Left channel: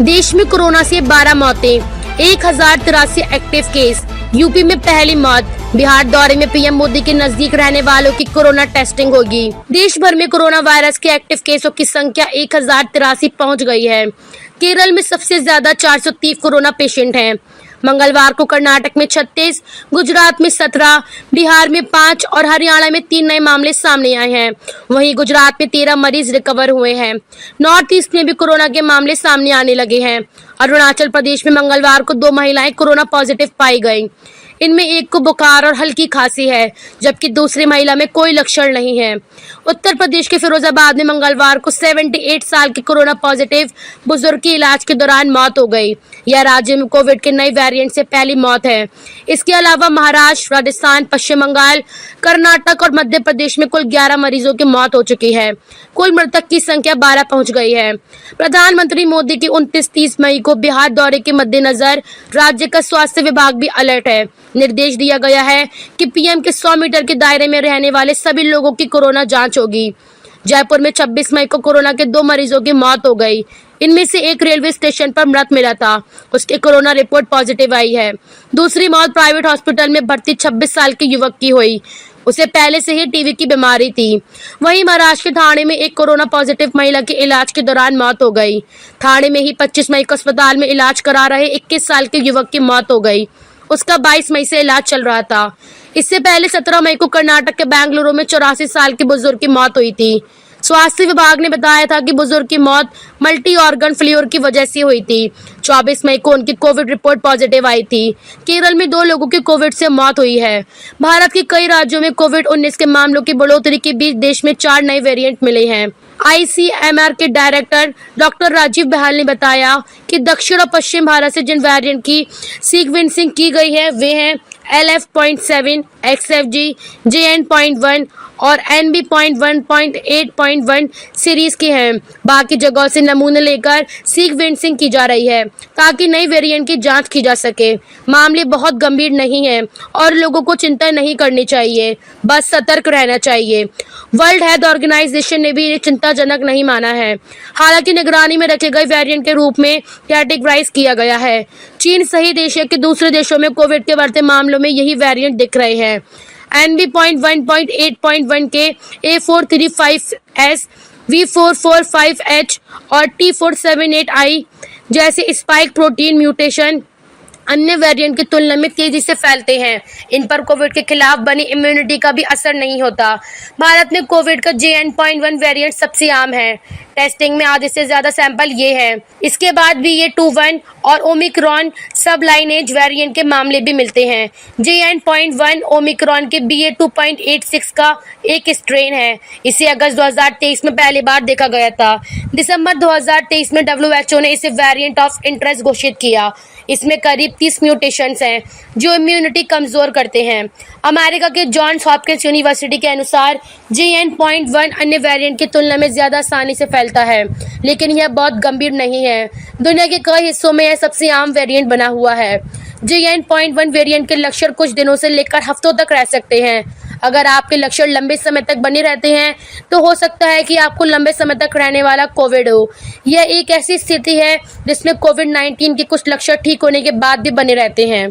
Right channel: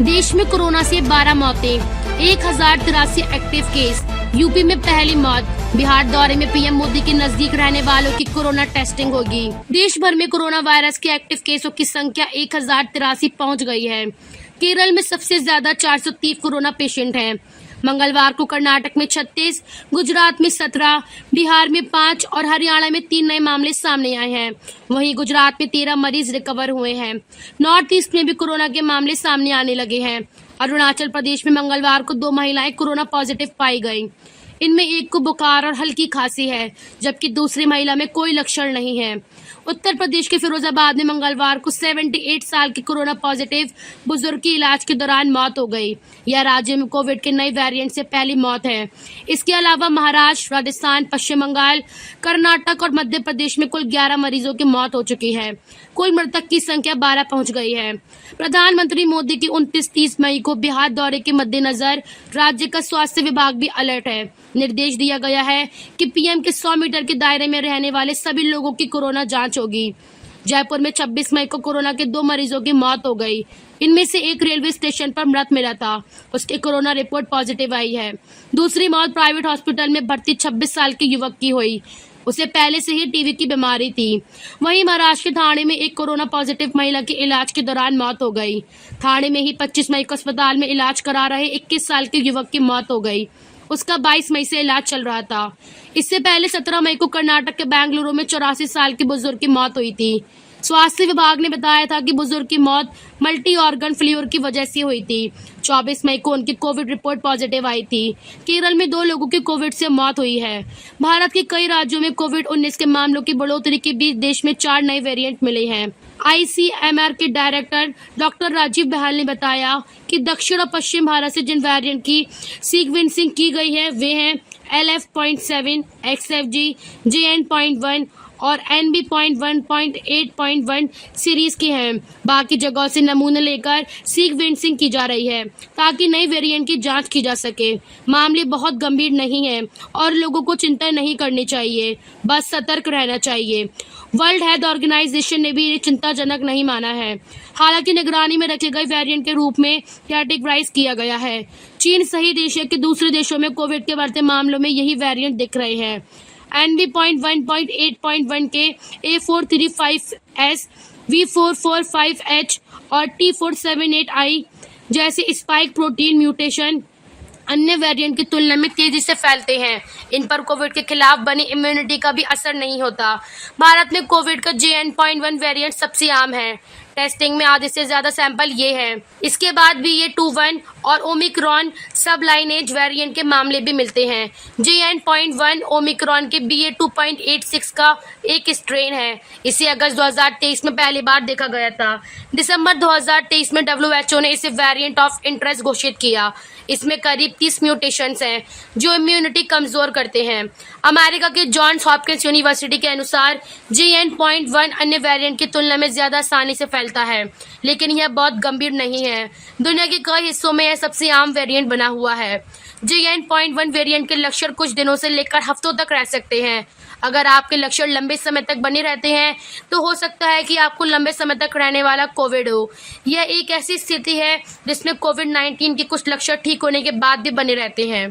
देश में कोरोना से 12 मौतें, 1083 एक्टिव केस। यूपी में पहली मौत। बिहार दौरे में पीएम मोदी के नजदीक रहने वालों की कोरोना टेस्टिंग होगी। देश भर में कोरोना वायरस के एक्टिव केसों की संख्या 1083 पहुंच गई है। केरल में सबसे ज्यादा 430 कोरोना पेशेंट हैं। मंगलवार को कर्नाटक में 36, गुजरात में 17, बिहार में 5 और हरियाणा में 3 नए मामले सामने आए हैं। वहीं गुजरात में 13 मरीज रिकवर हुए हैं। नॉर्थ ईस्ट में भी कोरोना के मामले सामने आने लगे हैं। अरुणाचल प्रदेश में मंगलवार को 2 महिलाएं कोरोना पॉजिटिव पाई गईं। इनमें एक को बुखार और हल्की खांसी है, जबकि दूसरी महिला में कोई लक्षण नहीं है। उत्तर प्रदेश के फिरोजाबाद में मंगलवार को 78 साल के कोरोना पॉजिटिव बुजुर्ग की इलाज के दौरान मौत हो गई। यह राज्य में कोविड के नए वेरिएंट से पहली मौत है। इसके अलावा महाराष्ट्र, राजस्थान, पश्चिम बंगाल, कर्नाटक और मध्य प्रदेश में कुल 11 मरीजों की मौत हो चुकी है। कुल मृतक की संख्या 12 पहुंच गई है। प्रधानमंत्री मोदी की 29-30 मई को बिहार दौरे के मद्देनजर राज्य का स्वास्थ्य विभाग भी अलर्ट है। निर्देश दिया गया है कि पीएम के 100 मीटर के दायरे में रहने वाले सभी लोगों की कोरोना जांच होगी। जयपुर में 26 मई को कोरोना के 2 मरीजों की मौत हो गई। इनमें से एक रेलवे स्टेशन पर मृत मिला था, उसकी कोरोना रिपोर्ट पॉजिटिव आई है। दूसरी मौत प्राइवेट हॉस्पिटल में भर्ती 26 साल के युवक की हुई। उसे पहले से ही टीबी की बीमारी थी। वहीं महाराष्ट्र के ठाणे में एक कोरोना पॉजिटिव महिला की इलाज के दौरान मौत हो गई। ठाणे में ही 25 मई को अस्पताल में इलाज करा रहे 21 साल के युवक की मौत हो गई। उसका 22 मई से इलाज चल रहा था। इससे पहले 17 मई को कर्नाटक के बेंगलुरु में 84 साल के बुजुर्ग की मौत हुई थी। स्वास्थ्य विभाग ने बताया था कि बुजुर्ग की मौत मल्टी ऑर्गन फेल्योर की वजह से हुई थी। 24 मई को उनकी कोविड रिपोर्ट पॉजिटिव आई थी। केरल में 2 लोगों की कोविड से मौत हुई है। भारत के कई राज्यों में कोविड-19 के मामलों की बढ़ोतरी के बीच देश में 4 नए वेरिएंट मिले हैं। आईसीएमआर के डायरेक्टर डॉक्टर राजीव बहाल ने बताया कि दक्षिण और पश्चिम भारत से जिन वेरिएंट की सीक्वेंसिंग की गई है वे हैं LF.7, XFG, JN.1 और NB.1.8.1 सीरीज की हैं। बाकी जगहों से नमूने लेकर सीक्वेंसिंग की जा रही है ताकि नई वेरिएंट की जांच की जा सके। मामले बहुत गंभीर नहीं हैं और लोगों को चिंता नहीं करनी चाहिए, बस सतर्क रहना चाहिए। वर्ल्ड हेल्थ ऑर्गेनाइजेशन ने भी ये चिंताजनक नहीं माना है। हालांकि निगरानी में रखे गए वेरिएंट के रूप में कैटेगराइज किया गया है। चीन सहित एशिया के दूसरे देशों में कोविड के बढ़ते मामलों में यही वेरिएंट दिख रहे हैं। NB.1.8.1 के A435S, V445H और T478I जैसे स्पाइक प्रोटीन म्यूटेशन अन्य वेरिएंट की तुलना में तेजी से फैलते हैं। इन पर कोविड के खिलाफ बनी इम्यूनिटी का भी असर नहीं होता। भारत में कोविड का JN.1 वेरिएंट सबसे आम है। टेस्टिंग में आधे से ज्यादा सैंपल ये है। इसके बाद भी ये 2.1 और ओमिक्रॉन सब लाइनेज वेरिएंट के मामले भी मिलते हैं। JN.1 ओमिक्रॉन के BA.2.86 का एक स्ट्रेन है। इसे अगस्त 2023 में पहली बार देखा गया था। दिसंबर 2023 में WHO ने इसे वेरिएंट ऑफ इंटरेस्ट घोषित किया। इसमें करीब 30 म्यूटेशंस हैं जो इम्यूनिटी कमजोर करते हैं। अमेरिका के जॉन्स हॉपकिंस यूनिवर्सिटी के अनुसार JN.1 अन्य वेरिएंट की तुलना में ज्यादा आसानी से फैलता है, लेकिन यह बहुत गंभीर नहीं है। दुनिया के कई हिस्सों में यह सबसे आम वेरिएंट बना हुआ है। JN.1 वेरिएंट के लक्षण कुछ दिनों से लेकर हफ्तों तक रह सकते हैं। अगर आपके लक्षण लंबे समय तक बने रहते हैं तो हो सकता है कि आपको लंबे समय तक रहने वाला कोविड हो। यह एक ऐसी स्थिति है जिसमें कोविड-19 के कुछ लक्षण ठीक होने के बाद भी बने रहते हैं।